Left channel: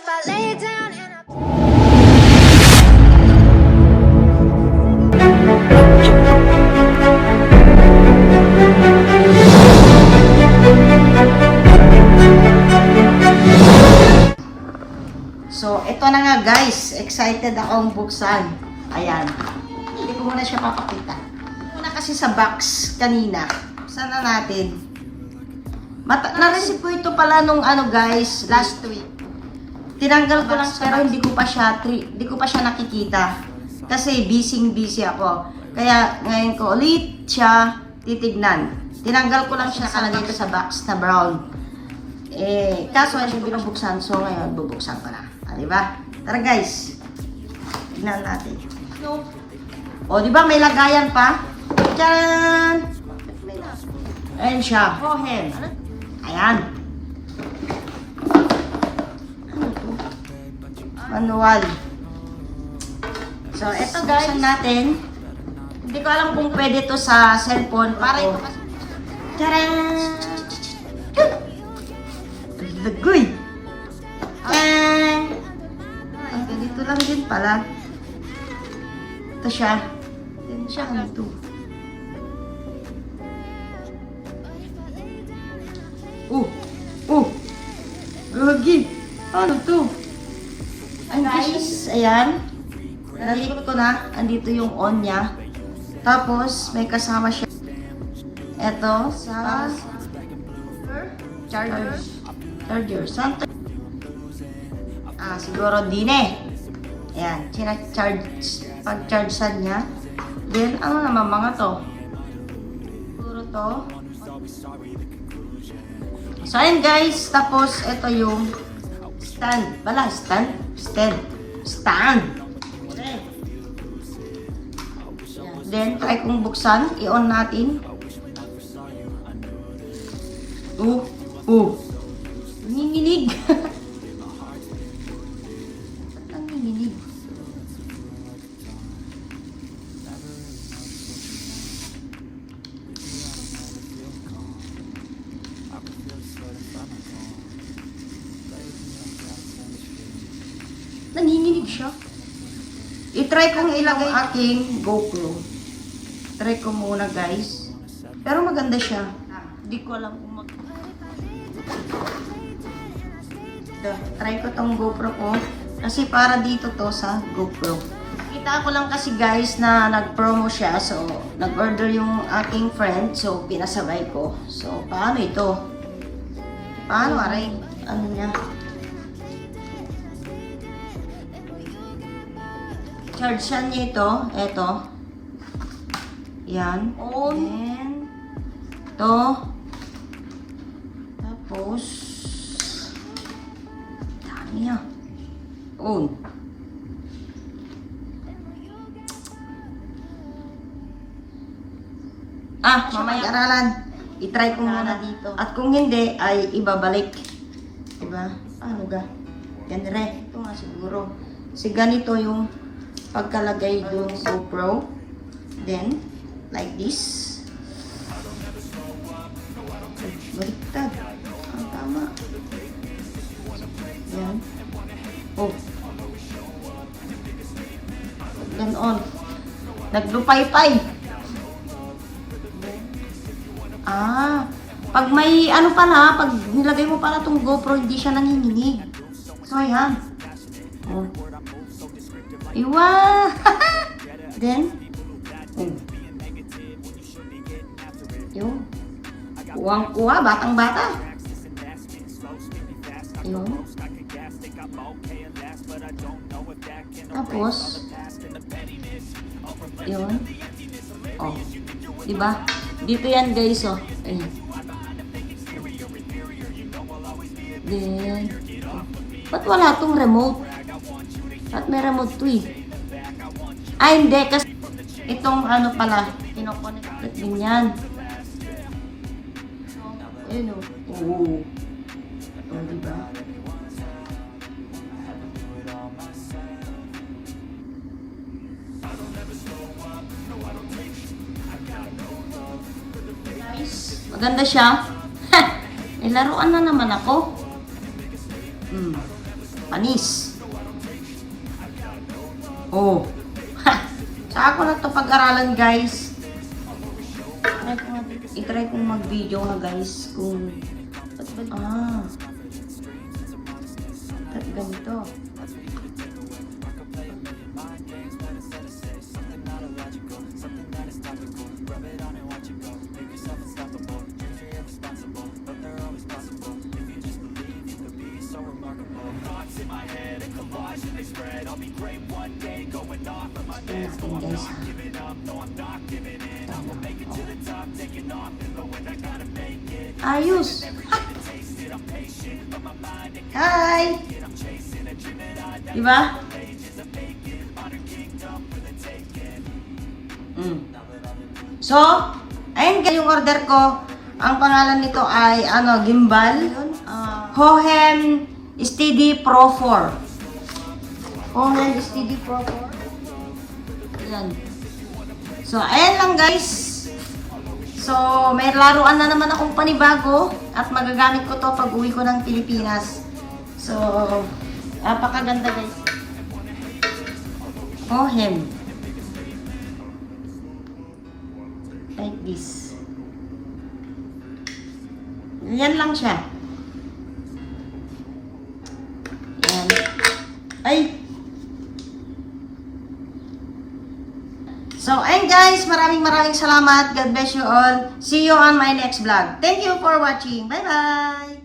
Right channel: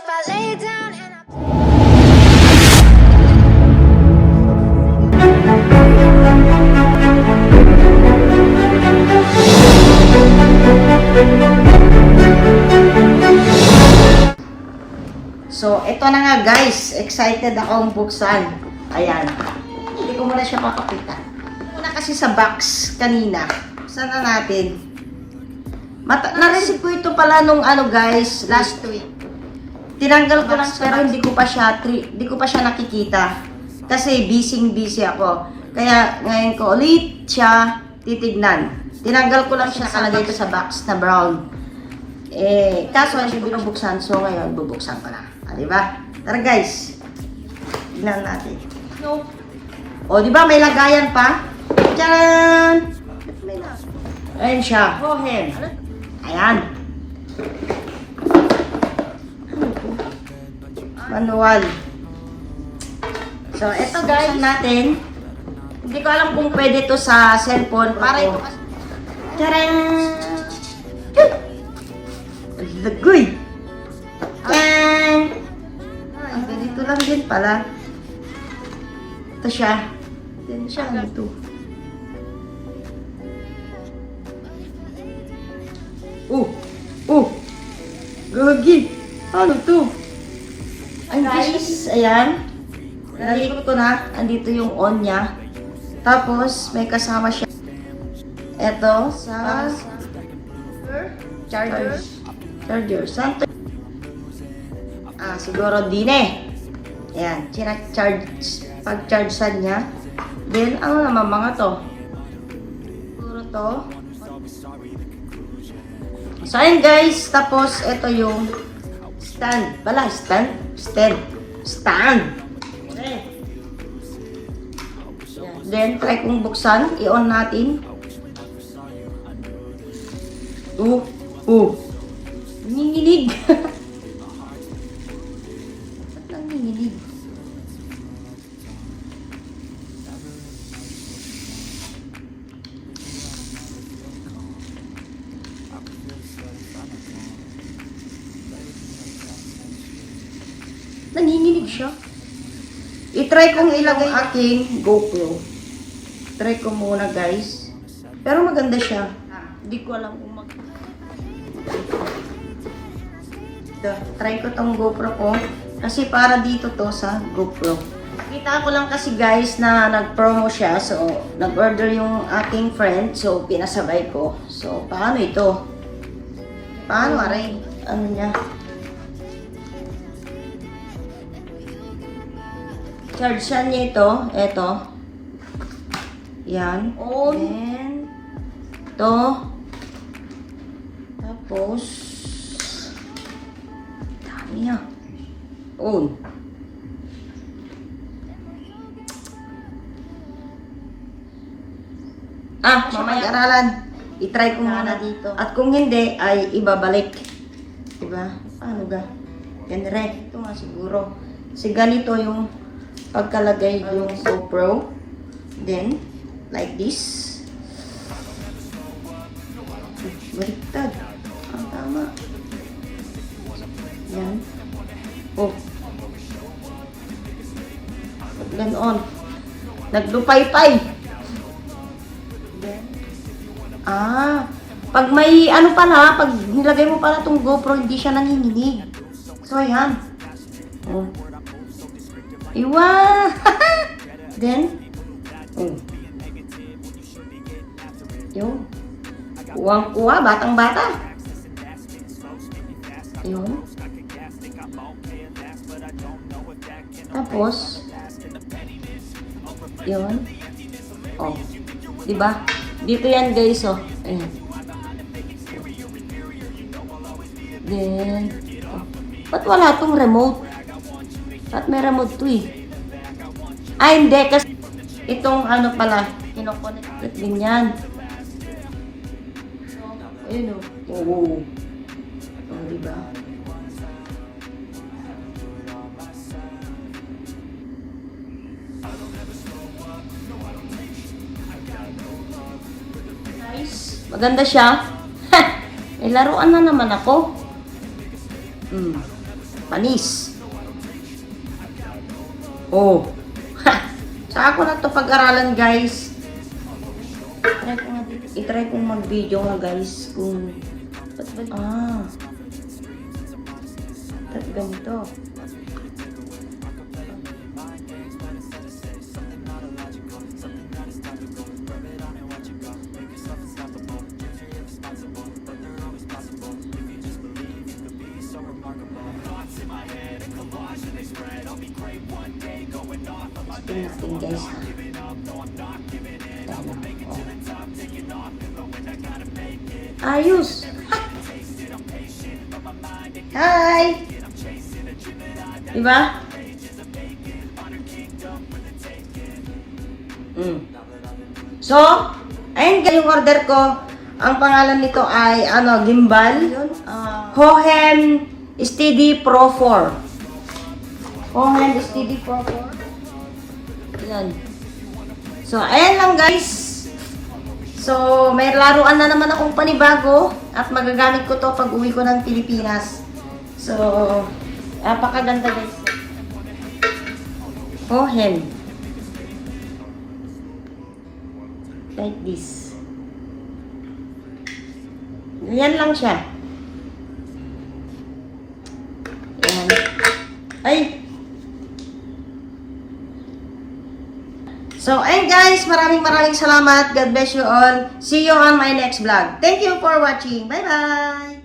if I lay down and So, ito na nga guys. Excited akong buksan. Ayan. Hindi ko muna siya papakita. Muna kasi sa box kanina. Buksan na natin. Na-receive ko ito pala nung ano guys, last week. Tinanggal ko lang pero hindi ko pa siya nakikita. Kasi busy ako. Kaya ngayon ko ulit siya titignan. Tinanggal ko lang siya, nakalagay ito sa box na brown. Kaso ay siya binubuksan, so ngayon bubuksan ko na. Diba? Tara guys. Tignan natin. No. O, diba may lagayan pa? Tcharan! Ayan siya. Rohen. Ayan. Manual. So, eto guys. Buksan natin. Hindi ko alam kung pwede to sa cellphone. Para ito kasi. Tcharan! Lagoy! Yan! Ay, ganito lang din pala. Ito siya. Yan siya ganito. Gagi! Ano to? Ay guys, ayan. Nalikot ko na. Andito yung on niya. Tapos, may kasama siya. Ito, sa charger. Siguro din eh. Ayan, pag-chargean niya. Then, ano naman mga to? Siguro to. So, ayun guys. Tapos, ito yung stand. Stand. Okay. Then, try kong buksan. I-on natin. Nanginginig. Nanginginig. Nanginginig siya. I-try kong ilagay aking GoPro. Try ko muna guys. Pero maganda siya. Hindi ko alam kung try ko tong GoPro ko. Kasi para dito to sa GoPro. Kita ko lang kasi guys na nag-promo siya. So, nag-order yung aking friend. So, pinasabay ko. So, paano ito? Paano aray? Ano niya? Charge siya niya ito. Ito. Yan. On. Then, ito. Tapos, dami na. On. Mamaya aralan. I-try ko muna dito. At kung hindi, ay ibabalik. Diba? Paano ga? Yan rin. Ito nga siguro. Kasi ganito yung pagkalagay yung GoPro. Then, like this. Baliktad. Tama. Yan. Ganon. Naglupay-pay. Pag may ano pala, pag nilagay mo pala tong GoPro, hindi siya nanginginig. So, yan. Iwa! Then, yun. Kuwang-kuwa, batang-bata. Yun. Tapos, yun. Diba? Dito yan guys, Ayan. Then, ba't wala tong remote? At may remote to eh. Hindi. Kasi itong ano pala, kinoconnect din yan. So, ayun diba? Nice. Maganda siya. May laruan na naman ako. Panis. Oh. Saan ko na to pag-aralan, guys? I-try kong mag-video nga, guys. Kung... Ba't ganito? Ayos! Hi! Diba? So, ayun yung order ko. Ang pangalan nito ay, gimbal. Hohem Steady Pro 4. Hohem Steady Pro 4. Ayan. So, ayan lang guys. So, may laruan na naman akong panibago at magagamit ko to pag uwi ko ng Pilipinas. So, napakaganda guys. Hohem. Like this. Yan lang siya. Yan. Ay! So, and guys, maraming salamat. God bless you all. See you on my next vlog. Thank you for watching. Bye-bye!